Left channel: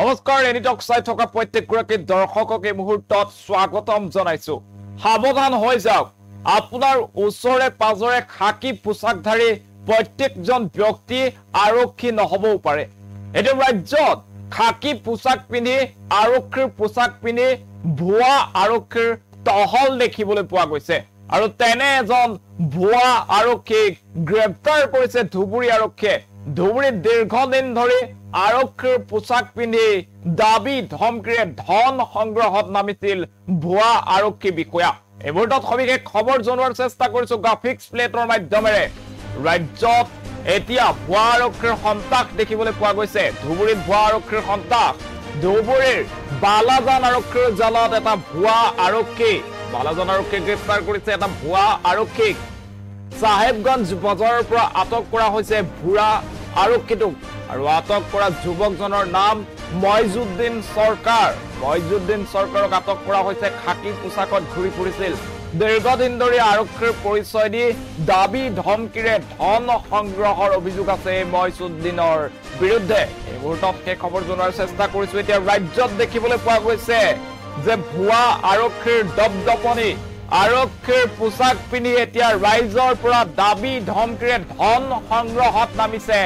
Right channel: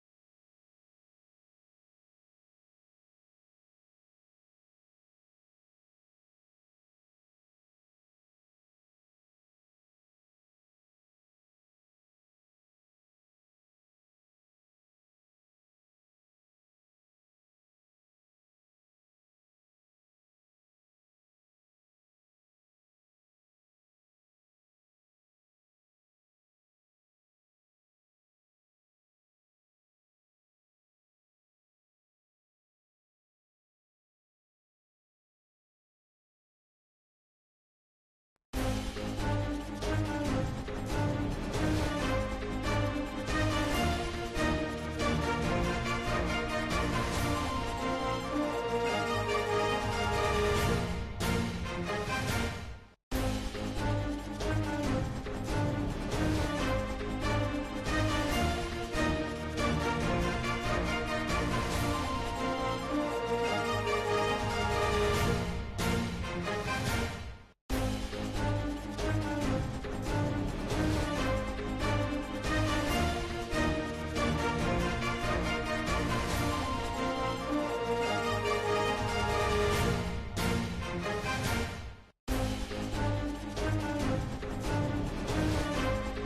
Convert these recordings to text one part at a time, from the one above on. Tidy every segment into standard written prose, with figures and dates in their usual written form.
নমস্কাৰ এনিটক চাই থকা প্ৰত্যেকগৰাকী দৰ্শকক এই মুহূৰ্তত স্বাগতম জনাইছো সাৱধান হৈ যাওক আপোনাৰ ওচৰে পাজৰে খাকি পোছাকধাৰী প্ৰত্যেকজন ব্যক্তি আৰক্ষী নহবও পাৰে এটো ৰাজ্যত খাকি পোছাক পিন্ধি আৰক্ষীৰ পোছাক পিন্ধি ভুৱা আৰক্ষীৰ টহল দেখিবলৈ পোৱা গৈছে আৰু তেনে এজন ভুৱা আৰক্ষীক গ্ৰেপ্তাৰ কৰিছে ধুবুৰী আৰক্ষীয়ে ধুবুৰীত দীৰ্ঘদিন ধৰি আৰক্ষীৰ পোছাক পিন্ধি দাবী ধমকিৰে ধন সংগ্ৰহত নামিছিল ভুৱা আৰক্ষী বিষয়া এই মুহূৰ্তত সবিশেষ খবৰ জনোৱাৰ চেষ্টা কৰিছো গ্ৰাফিক্স প্লেটৰ মাধ্যমেৰে ৰাজ্যত এতিয়া ভুৱা আৰক্ষীৰ সন্তাস দেখিবলৈ পোৱা গৈছে ধুবুৰীত ভুৱা আৰক্ষীৰ সন্তাস ধুবুৰীৰ বালাজান আৰক্ষীৰ জালত এটা ভুৱা আৰক্ষী বালাজান আৰক্ষীক গ্ৰেপ্তাৰ কৰিছে এটা ভুৱা আৰক্ষীক সাহেবগঞ্জ বজাৰৰ পৰা আটক কৰা হৈছে ভুৱা আৰক্ষীটোক আৰু আটক কৰা যুৱকজনৰ নাম মইজুদ্দিন সৰকাৰক আটক কৰা হৈছে খাকি পোছাকত ঘূৰি ফুৰিছিল দীৰ্ঘদিন ধৰি আৰক্ষীৰ পৰিচয় দি দাবী ধমকিৰে ধন সংগ্ৰহৰ অভিযোগ আছে মইজুদ্দিনৰ বিৰুদ্ধে এই মুহূৰ্তত সেই খবৰ জনোৱাৰ চেষ্টা কৰিছো এতিয়া ৰাজ্যত দেখিবলৈ পোৱা গৈছে যে ভুৱা আৰক্ষীৰ দপদপনি আৰক্ষীৰ পোছাক পিন্ধি এতিয়া ৰাইজৰ পৰা দাবী ধমকিৰে ধন সংগ্ৰহত নামিছে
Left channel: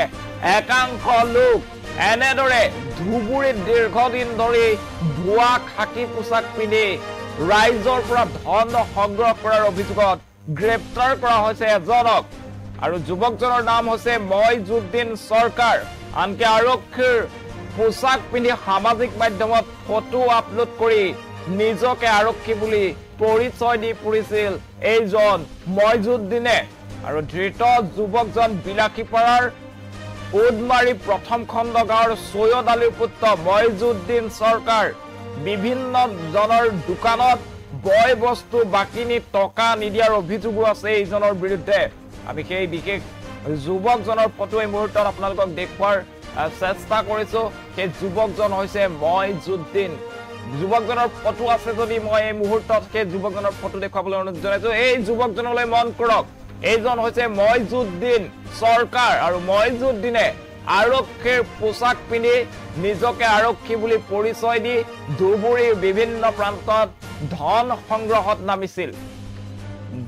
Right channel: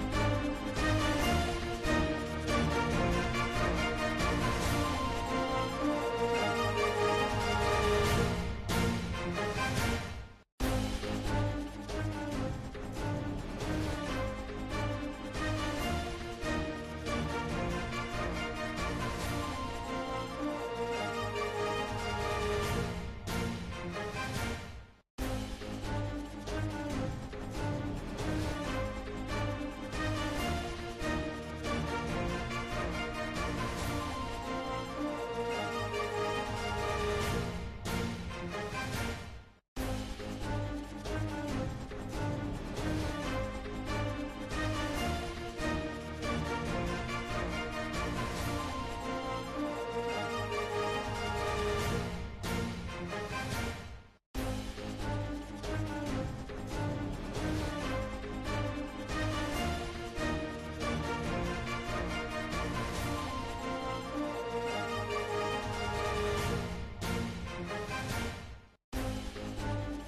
একাংশ লোক এনেদৰে ধুবুৰীত দীৰ্ঘদিন ধৰি ভুৱা খাকি পোছাক পিন্ধি ৰাইজৰ পৰা ধন সংগ্ৰহ কৰাৰ অভিযোগত গ্ৰেপ্তাৰ কৰা হৈছে এজনক আৰু যুৱকজনৰ নাম হৈছে মইজুদ্দিন সৰকাৰ আনকি আৰক্ষীৰ পোছাক পিন্ধি সামাজিক মাধ্যমত ফটো আপলোড কৰি নিজকে আৰক্ষী বুলি পৰিচয় দি ফুৰিছিল এইজন মইজুদ্দিনে আৰু ধৃত যুৱকজন বিলাসীপাৰাৰ উদমাৰী প্ৰথম খণ্ড গাঁৱৰ সৈয়দ আলীৰ পুত্ৰ মইজুদ্দিন সৰকাৰ বিভিন্ন জনৰ দোকানত বয় বস্তু বাকিনি টকা নিদিয়াৰ অভিযোগো আছে এইজনৰ বিৰুদ্ধে আমি সেই বিশেষ যুৱকজনৰ ফটো এই মুহূৰ্তত আপোনালোকক দেখুৱাৰ চেষ্টা কৰিছো সেই যুৱকজন হৈছে মইজুদ্দিন যুৱকজনৰ ফটো আছে যদি মই এই মুহূৰ্তত সেই যুৱকজনৰ ফটো দেখুৱাবলৈ অনুৰোধ জনাইছো এই যুৱকজনলৈ মন কৰক এইজন হৈছে মইজুদ্দিন সৰকাৰ আৰু মইজুদ্দিনে আৰক্ষীৰ পোছাক পিন্ধি নিজকে আৰক্ষী বুলি পৰিচয় দি ধুবুৰীৰ বিভিন্ন প্ৰান্তত ধন সংগ্ৰহত নামিছিল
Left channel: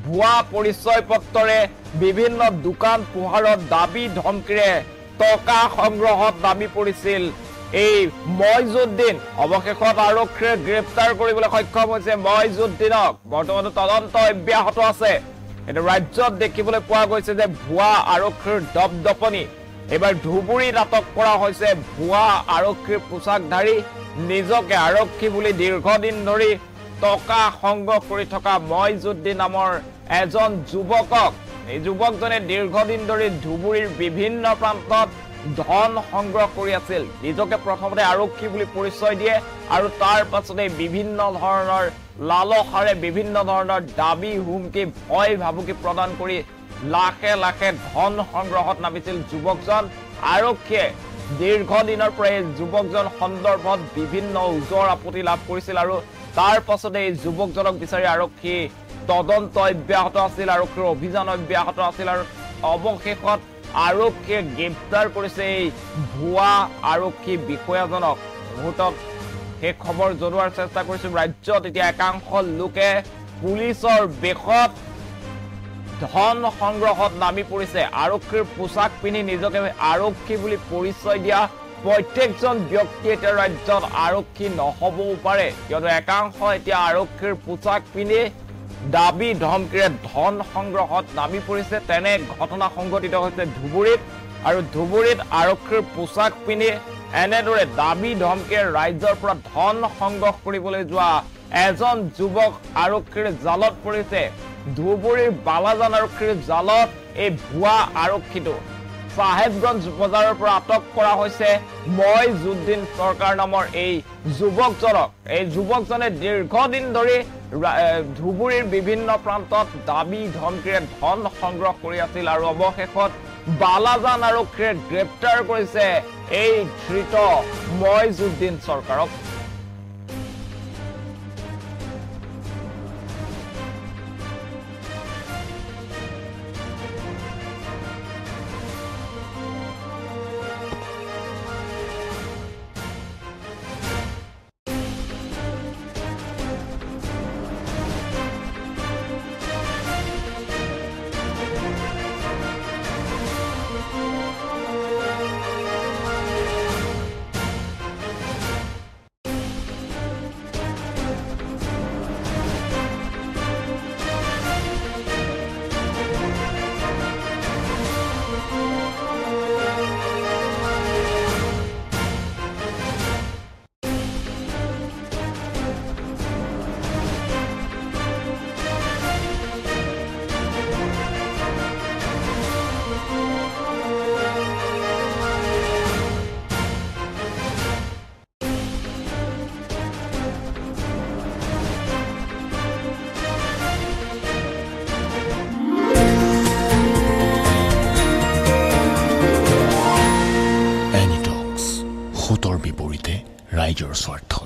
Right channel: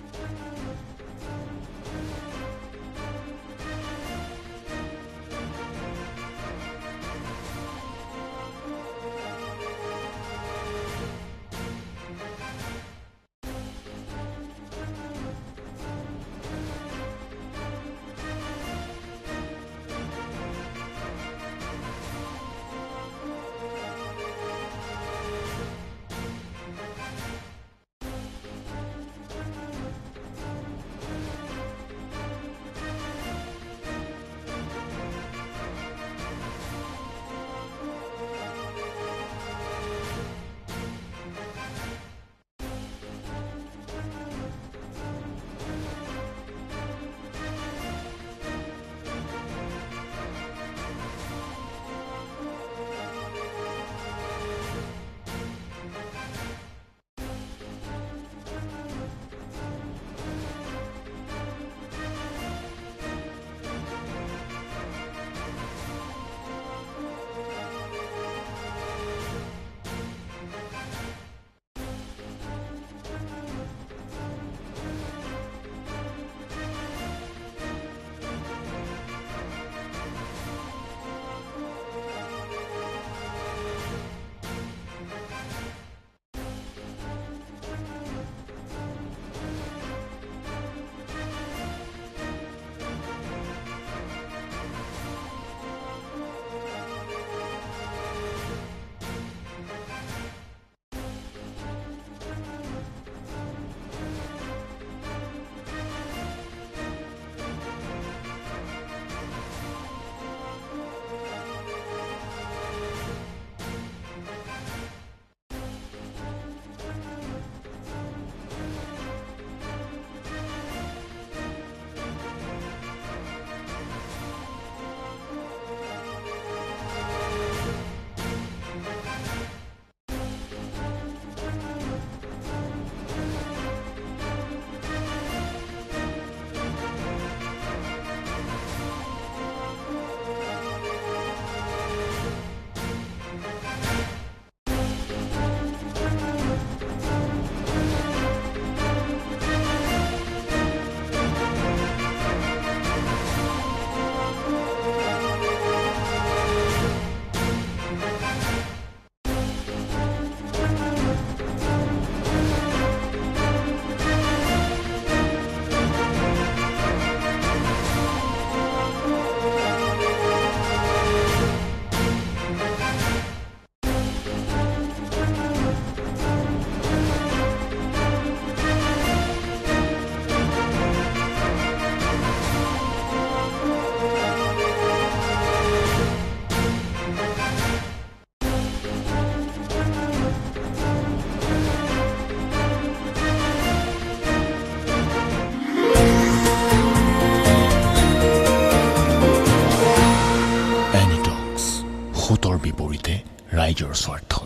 ভুৱা পৰিচয় পত্ৰৰে বিভিন্ন দোকান পোহাৰত দাবী ধমকিৰে টকা সংগ্ৰহত নামি পৰিছিল এই মইজুদ্দিন অৱশেষত আৰক্ষীয়ে গ্ৰেপ্তাৰ কৰিবলৈ সক্ষম হৈছে মইজুদ্দিনক বৰ্তমান তদন্ত অব্যাহত আছে এটা ৰাজ্যত দেখিবলৈ পোৱা গৈছে যে ভুৱা আৰক্ষীৰ দপদপনি এবাৰ ধুবুৰীত আটক কৰা হৈছে ভুৱা আৰক্ষীৰ পোছাকধাৰী নিজকে আৰক্ষী বুলি দীৰ্ঘদিন ধৰি টকা সংগ্ৰহ কৰি থকা মইজুদ্দিন নামৰ এজন যুৱকক এই যুৱকজনে দীৰ্ঘদিন ধৰি ধুবুৰীৰ বিভিন্ন প্ৰান্তত ধন সংগ্ৰহ কৰি আছিল নিজকে প্ৰথমতে আৰক্ষী বুলি পৰিচয় দিয়ে আৰু তাৰ পাছতে বিভিন্ন ধৰণৰ লালসাৰে বিভিন্ন ধৰণৰ দাবী হুমকি ভয় ভাবুকি প্ৰদান কৰি লাখে লাখে ধন সংগ্ৰহত নামিছিল যুৱকজন আৰক্ষীয়ে দীৰ্ঘদিনৰ পৰা এই যুৱকজন সন্দৰ্ভত বিভিন্ন উজৰ আপত্তি লাভ কৰিছিল আৰু তাৰ পাছতে এই যুৱকজনক বিচাৰি আৰক্ষী তদন্ত অব্যাহত আছিল আৰক্ষীৰ অভিযান অব্যাহত আছিল আৰু অৱশেষত আৰক্ষীয়ে গ্ৰেপ্তাৰ কৰিছে এই ভুৱা আৰক্ষী বিষয়াজনক মুহূৰ্তত সেই খবৰ জনোৱাৰ চেষ্টা কৰিছো ৰাজ্যত এতিয়া একাংশ লোকে পুলিচৰ বেশত ধন সংগ্ৰহত নামি পৰিছে আৰক্ষীৰ পোছাক পিন্ধি নিজকে আৰক্ষী বুলি পৰিচয় দিয়া প্ৰত্যেকজন ব্যক্তি এতিয়া ৰাজ্যত আৰক্ষী নহবও পাৰে কিয়নো একাংশ এতিয়া আৰক্ষীৰ পোছাক পিন্ধি দাবী ধমকিৰে ধন সংগ্ৰহত নামি পৰিছে তেনে ঘটনা সংঘটিত হৈছে ধুবুৰীত আৰু ধুবুৰীত আৰক্ষীৰ পোছাক পিন্ধি এনেদৰে দাবী ধমকিৰে ৰাইজৰ পৰা ধন সংগ্ৰহ কৰিবলৈ যোৱা এজন যুৱক আৰক্ষীৰ জালত পৰিছে ধুবুৰীৰ বালাজান আৰক্ষীৰ জালত এই ভুৱা আৰক্ষীটো সাহেবগঞ্জ বজাৰৰ পৰা আটক কৰা হৈছে মইজুদ্দিন সৰকাৰ নামৰ এই যুৱকজনক এই যুৱকজনে দীৰ্ঘদিন ধৰি ধুবুৰীৰ বিভিন্ন প্ৰান্তত দাবী ধমকিৰে ধন সংগ্ৰহ কৰি আছিল আৰু অৱশেষত বালাজান আৰক্ষীয়ে গ্ৰেপ্তাৰ কৰিছে এই ধৃত মইজুদ্দিন সৰকাৰক ৰাইজৰ স্বাৰ্থত।